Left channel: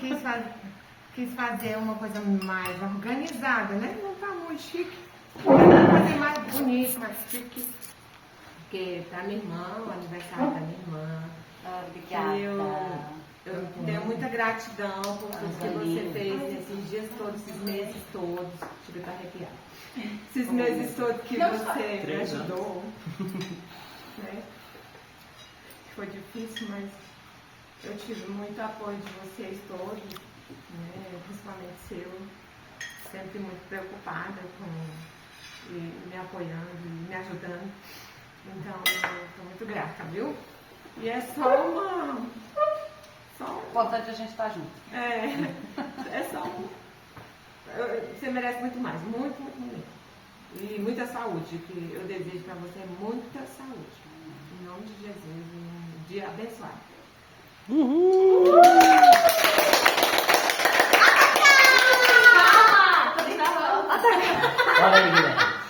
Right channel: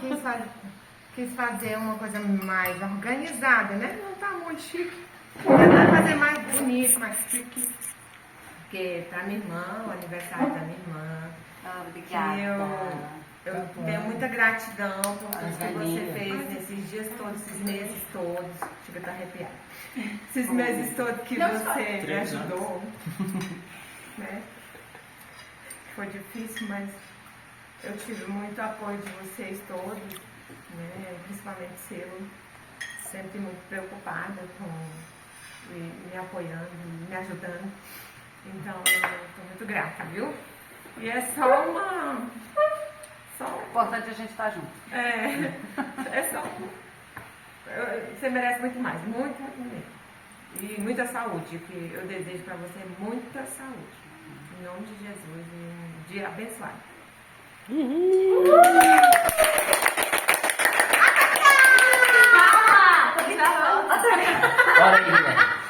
Quis, quis fazer uma coisa mais organizada, né? Não tá muito chique. Queria fazer mais bonito, mais chique. Porque pra minha irmã, o aniversário da minha irmã. Obrigada. Eu tenho muita gratidão por tudo que você fez nesses dias todos, esses meses todos. Chega a estar arrepiada. Esses meses todos que você me ajudou. Né? Foi difícil, mas eu tive muito apoio de vocês todos, né? Principalmente seu. Sempre muito preocupada e me apoiando, e me ajudando. Então, eu estou muito grata, viu? E é só uma... O importante é a gente estar junto. É só um... Você merece muito mais, muito, muito, muito. E muita saúde, que eu desejo para você muita saúde. Em nome de Jesus, e um dia abençoado. Olha aí, Guilherme.